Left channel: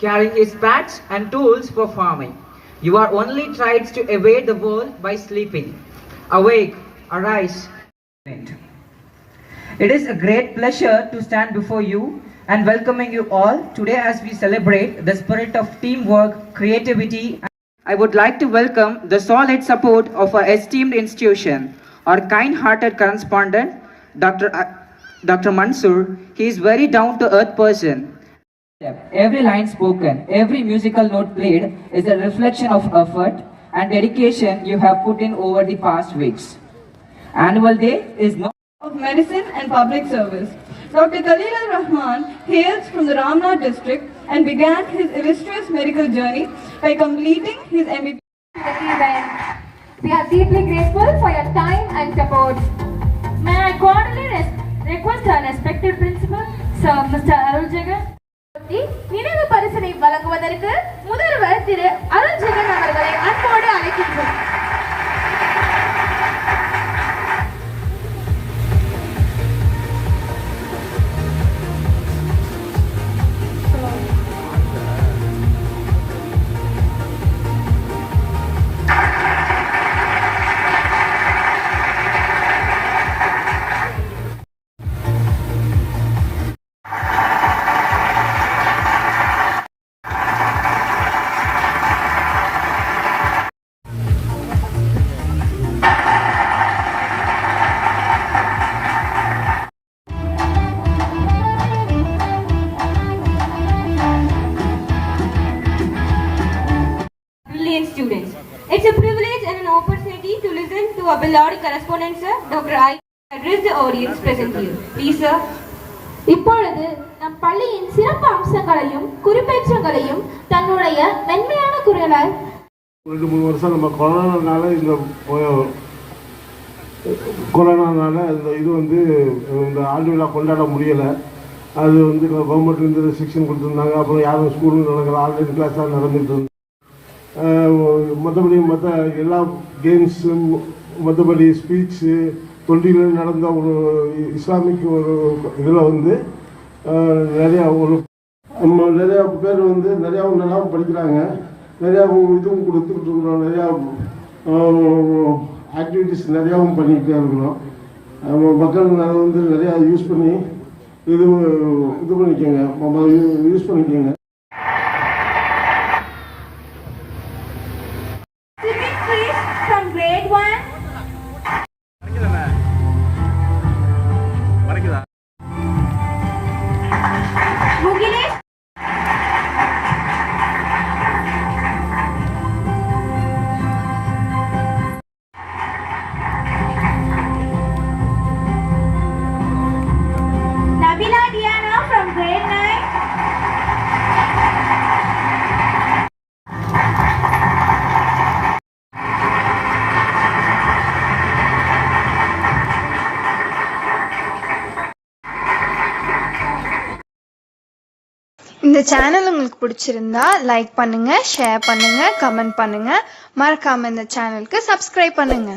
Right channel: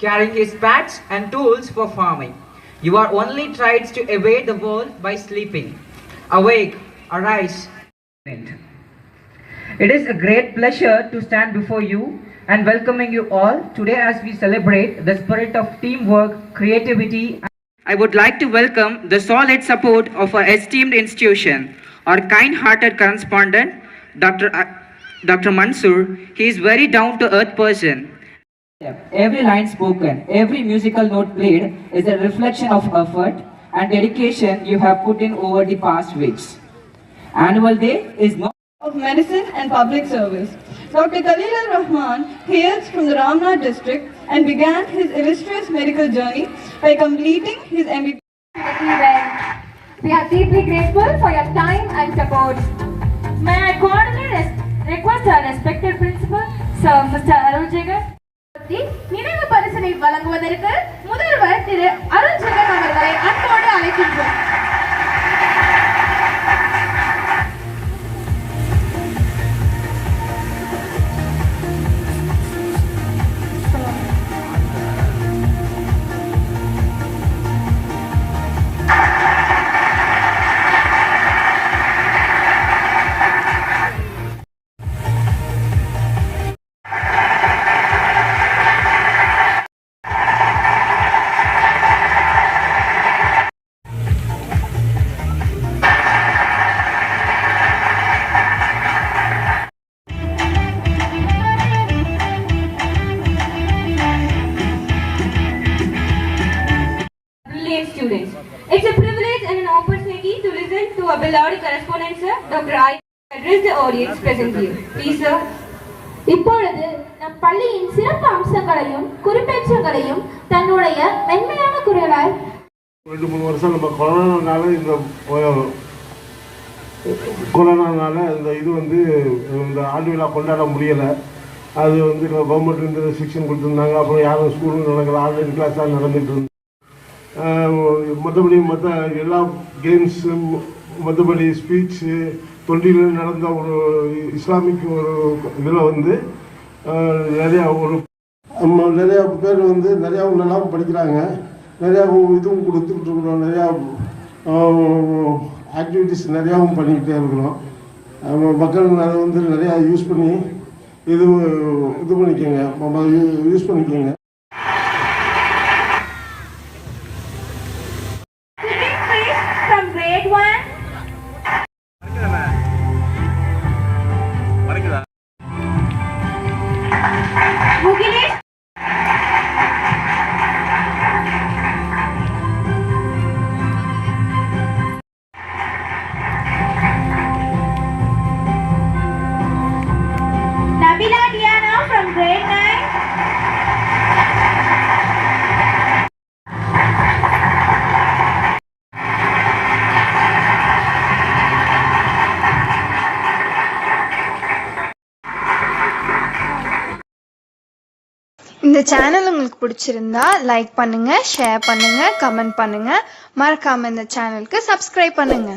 Carrying his packs and tools for farming. You are only tried to evade the world by sleeping. Awake, arise. It is a great pleasure to stand before you and welcoming you all today as we celebrate the spirit of teamwork, creativity. I would like to welcome the solid support of our esteemed institution, our kind-hearted correspondent, Dr. Mansoor. He is very down-to-earth person. Every line spoken, every musical note played is a reflection of effort and dedication you have put in over the past weeks. Annual Day is not of Medicine and Public Service. Dr. Khalil Rahman hails from the Ramnath district and began his illustrious medical journey by completing his MBBS. We are deeply grateful for your time and support. May I cordially request our respected principal, Sir Mr. Arul Jagan, நினைவு பரிசினை வழங்குவதற்கு முதல்வர் திரு அருள் ஜெகன் அவர்களை அன்போடு அழைக்கின்றோம். Students. It's a privilege and an opportunity to listen to our beloved correspondent, sir, Dr. I. address the audience present here. Please, sir. இப்பொழுது நம் பள்ளியின் சிறப்பு அம்சங்களையும் குறிப்பேச்சுகளையும் தன்னுடைய மென்மையான குரலால் 2-3 வருஷம் நம்ம கொரோனானால இந்த இது இந்த ஆண்டு விழா கொண்டாட முடியலை. அது கவர்மெண்ட் இந்த ரெஸ்ட்ரிக்ஷன் கொடுத்துருந்தாங்க. அப்புறம் யாரும் ஸ்கூலும் நடக்கல, ஆன்லைன் கிளாஸாக நடந்துட்டு இருந்தோம். மற்றபடி மற்ற எல்லா கேம்ஸும், மற்றபடி ஸ்பீச்சு, தொண்டியில் நடந்த ஒரு இஸ்லாமிக் ஒரு இதில் நிறையா பேர் நிறையாவும் நல்லாவும் படிக்கிறாங்க. நிறையாவும் இதுவும் கொடுத்துக்கிட்டு இருக்கிறோம். நிறையா ஆக்டிவிட்டீஸ் நிறையாவும் பண்ணிக்கிட்டே இருக்கிறோம். மக்கள் அதை நிறையா யூஸ் பண்ணி இது பண்ணிக்கோங்க, யூஸ் பண்ணிக்கோங்க. இந்த சேனல் உங்களுக்கு பிடிச்சிருந்தா லைக் பண்ணுங்க, ஷேர் பண்ணுங்க, கமெண்ட் பண்ணுங்க. மறக்காம இந்த சேனலுக்கு சப்ஸ்கிரைப் பண்ணுங்க.